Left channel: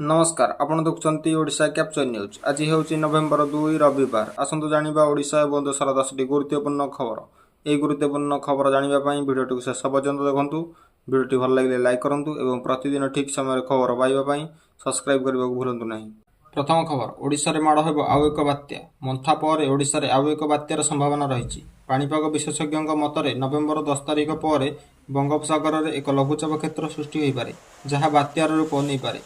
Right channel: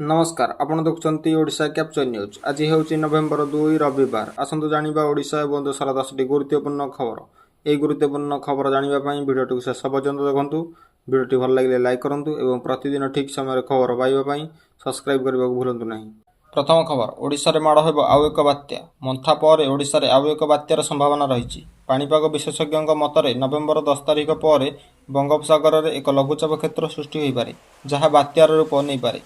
नमस्कार आपण देखुचंती Odisha capture news. आज हेउची नवेम्बर 2 रविवार। आसंतु जानिबा ओडिशा एवं देशर 10टी गुरुत्वपूर्ण खबर। यह गुरुत्वपूर्ण खबर जानिबा पई वीडियोटी को शेष पर्यंत देखंतु। वीडियोटी भल लागिले लाइक करंतु एवं प्रतिदिन ठीक समय खबर पाइबा पई सब्सक्राइब करबा को भूलंतु नहीं। प्रथम खबर, ओडिशा रे माड़ हेबो आउ एक बात्या। मंथा पर ओडिशा रे आउ एक बात्यार संभावना रहिछि। पाणीपाग विशेषज्ञଙ୍କ मतरे नवेम्बर 10 तारिख पर बंगोपसागर रे एक लघुचाप क्षेत्र सृष्टि होई पारे, जहा बात्यार रूप नै पारे।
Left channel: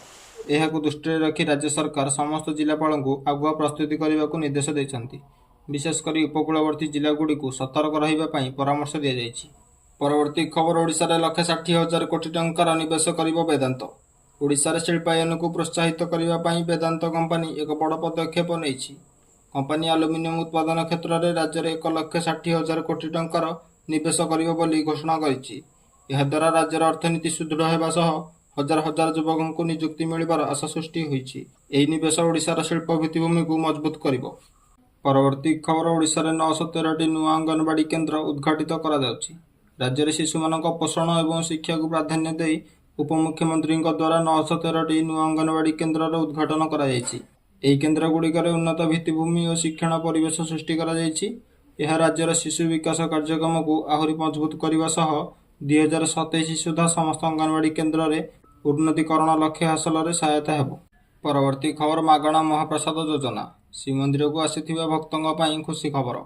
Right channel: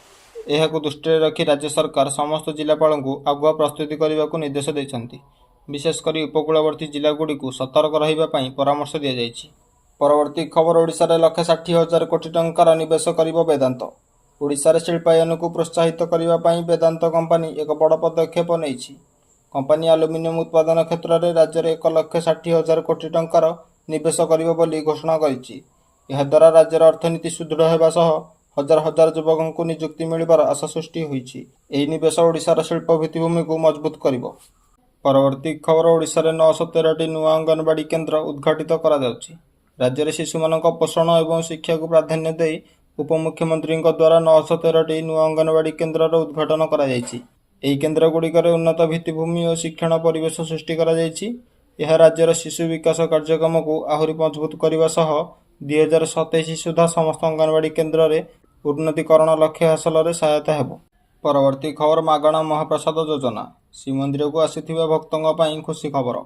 एहाकु दृष्टि रखी राज्य सरकार समस्त जिलापाल को आगुआ प्रस्तुति करने को निर्देश देते। विशेषकर उपकूलवर्ती जिलागुड़ी को सतर्क रही परामर्श दी जाइछि। परवर्ती खबर, ओडिशा रे 1,60,000 कोटी टंकार निवेश करिबो वेदांत। ओडिशा रे शिल्पायन को प्रोत्साहित करने वेदांत कंपनी एक बड़ पदक्षेप नेइछि। कंपनी आलुमिनियम उत्पादन क्षेत्र में राज्य में 1,60,000 कोटी टंकार निवेश करिबो बोली घोषणा करिछि। एहा द्वारा राज्यर अर्थनीति सुदृढ़ हेबा सह हजार हजार युवकों को नियुक्ति मिलबार आशा सृष्टि होइछि। एही निवेश ओडिशार शिल्प भित्तिभूमि को मजबूत करिबो। परवर्ती खबर, ओडिशा रे 913टी नुआ अंगनवाड़ी केन्द्र उद्घाटित करा जाउछि। राज्य में शिशुमानक पोषण और शिक्षा को प्राधान्य दे उपमुख्यमंत्री द्वारा 913टी नुआ अंगनवाड़ी केन्द्र उद्घाटन करा जाइछि। एही केन्द्र गुड़िकर उन्नत भित्तिभूमि और शिक्षण परिवेश सृष्टि करा जाइछि। यह राज्यर शिशु विकास कार्यक्रम को आहरी मजबूत करने सह 2027 सुधा समस्त अंगनवाड़ी केन्द्र में उन्नतीकरण लक्ष्य हासिल में सहायता हेबो। परवर्ती खबर, मागणा महाप्रसाद योजना। श्रीमंदिर को आसीथिबा भक्तों पई खुशी खबर।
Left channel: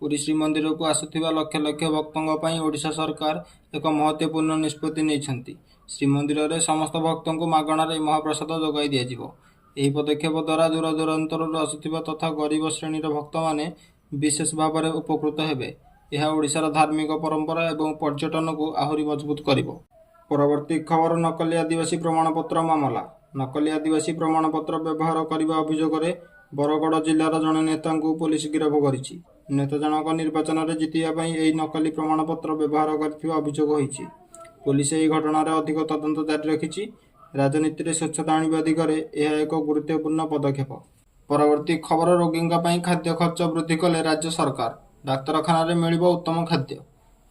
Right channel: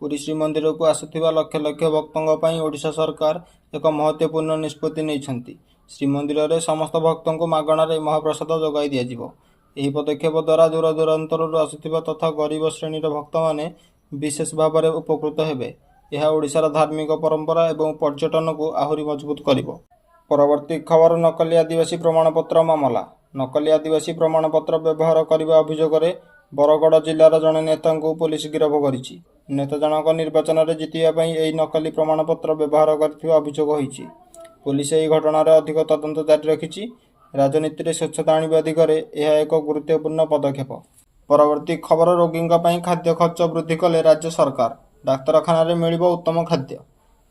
पुरी श्रीमंदिर को आसीथिबा लक्ष लक्ष भक्तों पई ओडिशा सरकार एक महत्वपूर्ण निष्पत्ति नेइछंती। श्रीमंदिर में समस्त भक्तों को मागणा महाप्रसाद जोगाई दियाजिबो। एही पदक्षेप द्वारा दूर दूरांतर आसुथिबा तथा गरीब श्रेणीर भक्त माने विशेष भाव में उपकृत हेबे। यह ओडिशार धार्मिक परंपरा एवं पर्यटन को आहरी मजबूत करिबो। परवर्ती खबर, नकली आदिवासी प्रमाणपत्र मामला। नकली आदिवासी प्रमाणपत्र व्यवहार करने अभियोग में बरगड़ जिलार जड़े नेता को पुलिस गिरफ करिछि। नेता जनक निर्वाचन में जितिबा यह नकली प्रमाणपत्र व्यवहार करथिबा अभियोग होइछि। पुलिस यह घटनार अधिक तदंत जारी रखिछि। राजनीति में स्वच्छता आनिबा दिगरे यह एक गुरुत्वपूर्ण पदक्षेप। परवर्ती खबर, रोगी खाद्य खर्च वृद्धि कले राज्य सरकार। डाक्तरखाना रे मिलिबो उत्तम खाद्य।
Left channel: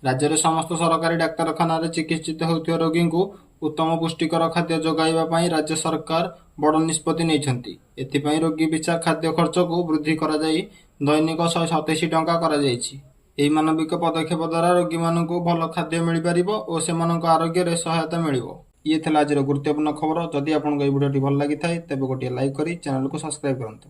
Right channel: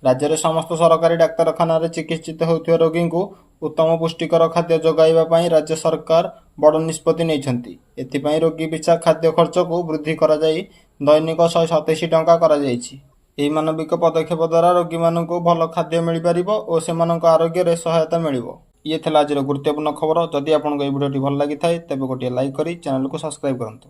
राज्य में समस्त सरकारी डाक्तरखाना रे चिकित्सित होउथिबा रोगी को उत्तम पुष्टिकर खाद्य जोगाइबा पई राज्य सरकार बड़ निष्पत्ति नेइछंती। एथिपई रोगी पिछा खाद्य खर्च को वृद्धि करा जाई दैनिक 127 टंका करा जाइछि। एही मानविक पदक्षेप द्वारा रोगी मानकु भल खाद्य मिल पारिबो और सेमानक आरोग्य रे सहायता मिलिबो। ये थिला आज गुरुत्वपूर्ण खबर। जदि आपनको ए भिडियोटी भल लागि थाए तेबे गोटे लाइक करी चैनल को सब्सक्राइब करंतु।